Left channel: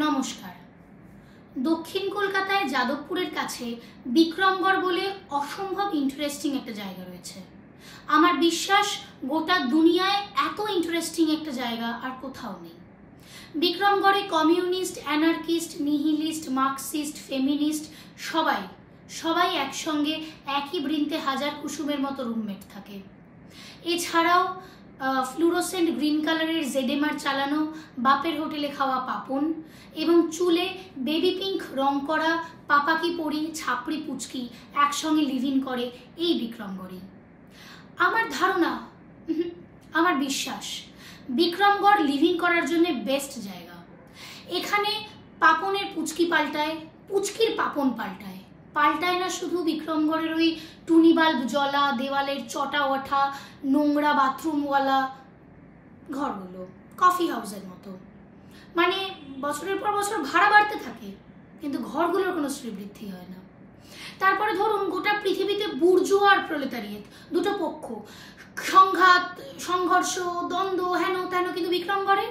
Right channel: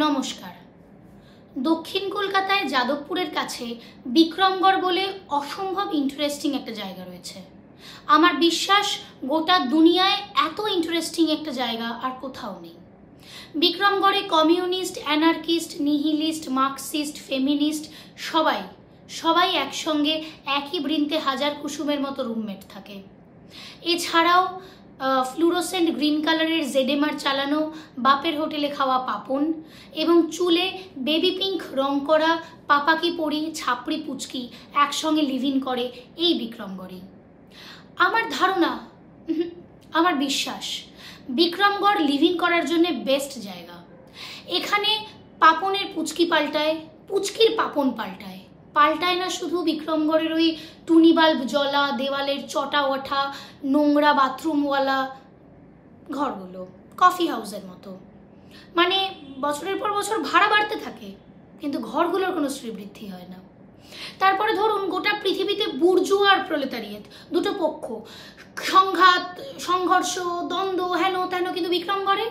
নমস্কার। দক্ষিণ কলকাতায় যাদবপুরের কাছে বিক্রমগড় বলে অসম্ভব ইন্টারেস্টিং একটা জায়গা রয়েছে। আমার বিশ্বাস গোটা দুনিয়ায় এত ইন্টারেস্টিং একটা জায়গা আর কোথাও নেই। বিক্রমগড়ে communist, anarchist, nihilist, Marxist, feminist সবাই একসঙ্গে একই বৃন্তে হাজার কুসুমের মতো রুমমেট থাকে। এছাড়াও ফ্লুরোসেন্ট গ্রিন কালারের জেডএমআর চালানো বাপের হোটেলে খাওয়া পাপন এবং চুলে বেবি পিঙ্ক রং করা পাপাকি পরি ছাপড়ি পুচকি একসঙ্গে লিভিং করে এই বিক্রমগড়ে। আমার ধারণা, আমার বিশ্বাস, বিক্রমগড় লিভিং করার জন্য বেস্ট জায়গা। এখানে পাপনের পুচকি পাল্টায়, পুচকির পাপন পাল্টায় না শুধু বিক্রমগড়ের ওই টুনি বাল্ব জ্বলা, দেওয়ালের চটা ওঠা, নোংরা বাথরুমওয়ালা ঘরগুলো, কফি হাউসের মতো। মানে বছরের পর বছর ভাড়া বাড়তে থাকে কিন্তু ঘরগুলোর কোনো শ্রীবৃদ্ধি হয় না। তারপরে ধরুন গোটা পৃথিবীতে বুর্জুয়া আর প্রলেতারিয়েত দুটো পক্ষ, সংঘাত, সংঘর্ষ, দ্বন্দ্ব, হেন তেন, কিন্তু বিক্রমগড়ে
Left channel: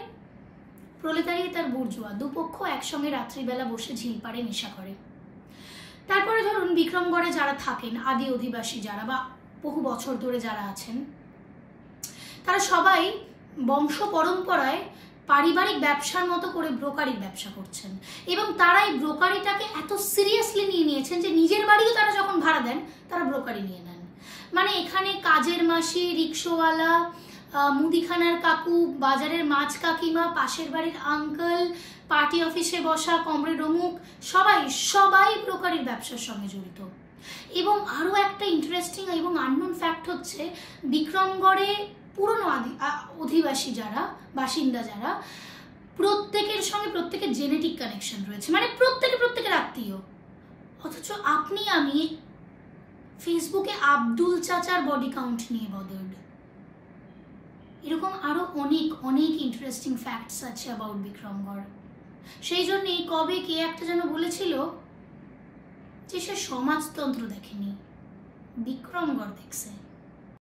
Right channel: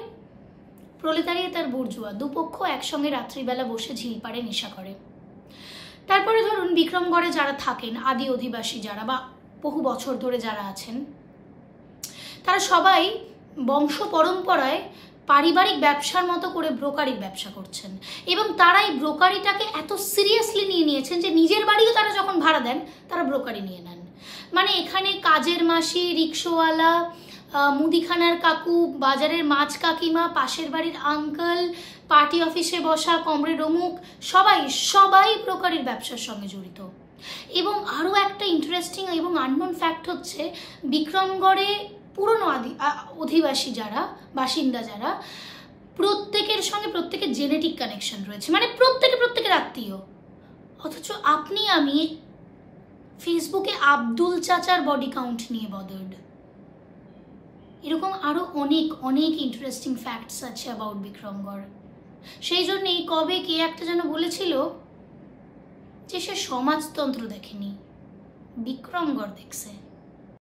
প্রলেতারিয়েত আর বুর্জুয়া দুপক্ষ একসঙ্গে রাত্রিবেলা বসে ঝিল পাড়ে নেশা করে। তারপরে ধরুন বিক্রমগড়ে যারা থাকেন, আদি অধিবাসী যারা বা বহু বছর ধরে যারা আছেন, তারা সবাই বংশ পরম্পরায় পারিবারিক ব্যবসার মতো করে ব্রোকারির ব্যবসা করছেন এবং তারা এই ব্রোকারিটাকে এত সিরিয়াসলি নিয়ে নিয়েছেন যে নিজের বাড়িও তারা যখন ভাড়া দেন তারা ব্রোকারি নিয়ে নেন। মানে এখানে কাজের মাসি, রিক্সোওয়ালা, মুদিখানার কাকু, বাজারের মাছ কাকিমা, পাশের বাড়ির আঙ্কেল, পার্টি অফিসে বসা কমরেড অমুক, সবাই ব্রোকারির ব্যবসার সঙ্গে জড়িত। এবং আরো একটা ইন্টারেস্টিং এবং আননোন ফ্যাক্ট হচ্ছে, বিক্রমগড়ে পুরনো অধিবাসী যারা, বাসিন্দা যারা, প্রত্যেকের সঙ্গে প্রত্যেকের জেনেটিক কানেকশন রয়েছে। মানে প্রত্যেকের আত্মীয়। অথচ আপনি আমি ফেসবুকে আব্দুল চাচার বডি কাউন্ট নিয়ে বদর্ড। এরকম আরো অনেক ইন্টারেস্টিং ফ্যাক্টস আছে অ্যাবাউট বিক্রমগড়। সেই জন্যই কবে কে একটা যেন বলেছিল যে সে সমাজতন্ত্র দেখেনি, বিক্রমগড় দেখছে।